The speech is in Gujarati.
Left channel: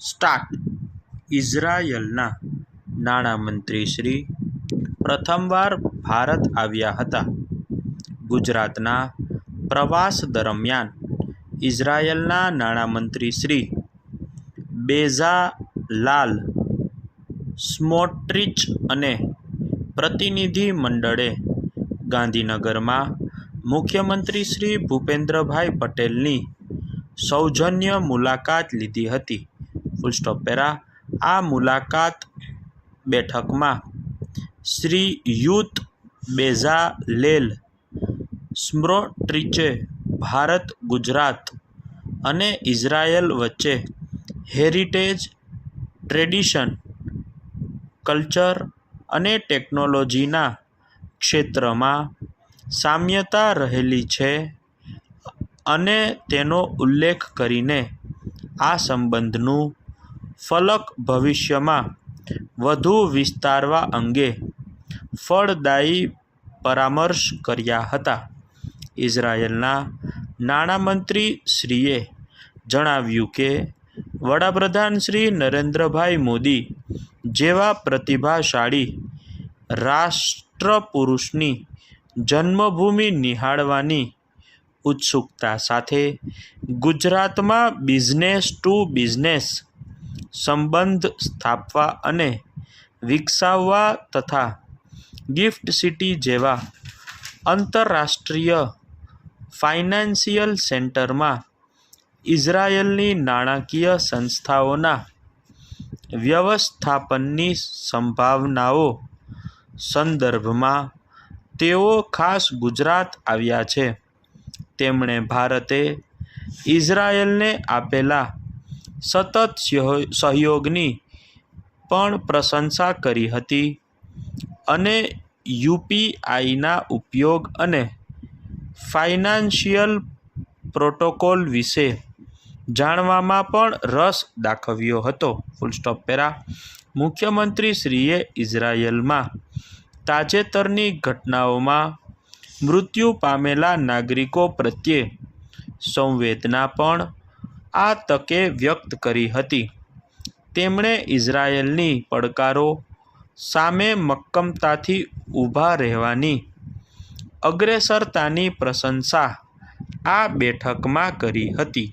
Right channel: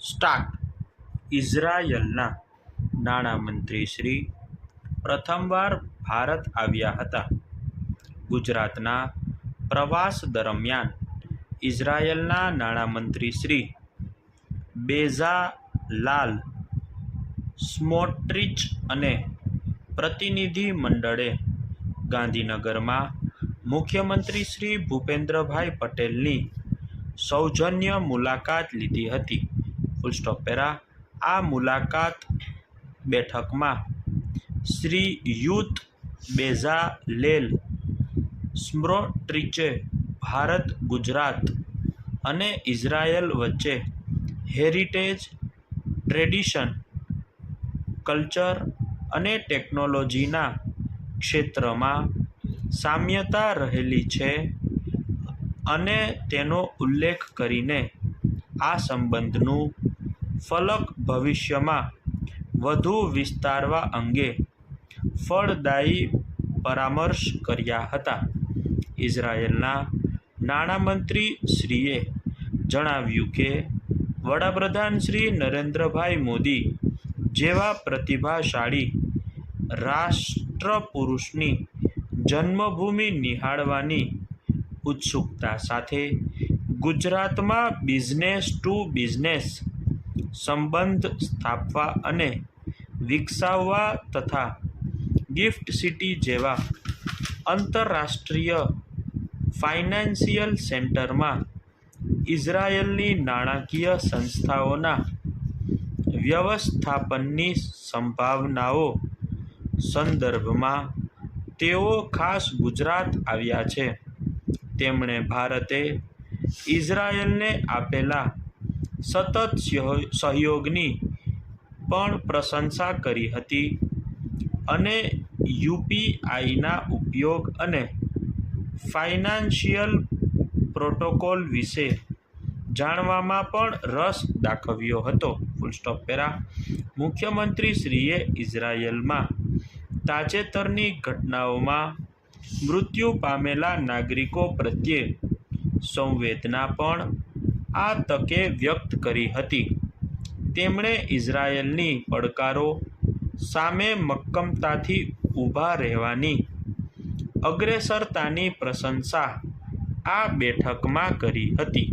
સ્ટાર્ટ. ઇઝરાયલના નાણામંત્રી શ્રી પ્રથમવાર ભારત આવ્યા હતા. ગુજરાતના પ્રવાસ દરમિયાન ઇઝરાયલના નાણામંત્રી શ્રી બેઝાલાલ સ્મોટ્રિચ અને પ્રતિનિધિ મંડળે ગાંધીનગરમાં મુખ્યમંત્રી શ્રી ભૂપેન્દ્રભાઈ પટેલની સૌજન્ય મુલાકાત લીધી હતી. આ મુલાકાત બેઠકમાં શ્રીયુત બેઝાલેલ સ્મોટ્રિચે ભારત, ગુજરાત અને ઇઝરાયલ વચ્ચે હેરિટેજ, ટ્રેડિશન, કલ્ચર અને ટેકનોલોજીના ક્ષેત્રમાં સામ્યતા રહેલી છે અને તેનો ઉલ્લેખ કરીને આ સંબંધનું ફલક ભવિષ્યમાં વધુ વિસ્તારવા અંગે ફળદાયી પરામર્શ કર્યા હતા. ઇઝરાયલના નાણામંત્રી શ્રીએ જણાવ્યું કે વડાપ્રધાન શ્રી નરેન્દ્રભાઈ મોદી જેવા પ્રતિભાશાળી રાષ્ટ્રપુરુષની જન્મભૂમિ નિહાળવાની ઉત્સુકતા સાથે ગુજરાતમાં બિઝનેસ ટુ બિઝનેસ સંબંધ સ્થાપવા અને વિકસાવવા તથા ગિફ્ટ સિટી જેવા આંતરરાષ્ટ્રીય ફાઇનાન્સિયલ સેન્ટરમાં ઇઝરાયલની નાણાકીય સંસ્થાઓના વ્યવસ્થાપનની સંભાવનાઓ સંદર્ભમાં તેઓ ખાસ ગુજરાત આવ્યા છે. તેમણે ભારતે ઇઝરાયલને આપેલા સતત સહયોગની પણ પ્રશંસા કરી હતી અને યુપીઆઈના ઉપયોગ અને ફાઇનાન્શિયલ પ્રોટોકોલ વિશે જાણવામાં પણ રસ દાખવ્યો હતો. મુખ્યમંત્રી શ્રીએ ઇઝરાયલમાં તાજેતરની ઘટનાઓમાં મૃત્યુ પામેલા નાગરિકો પ્રત્યે સંવેદના પણ આ તકે વ્યક્ત કરી હતી. તેમણે ઇઝરાયલની પડકારો સામે મક્કમતાથી ઊભા રહેવાની અગ્રેસરતાની પ્રશંસા આ બેઠકમાં કરી હતી.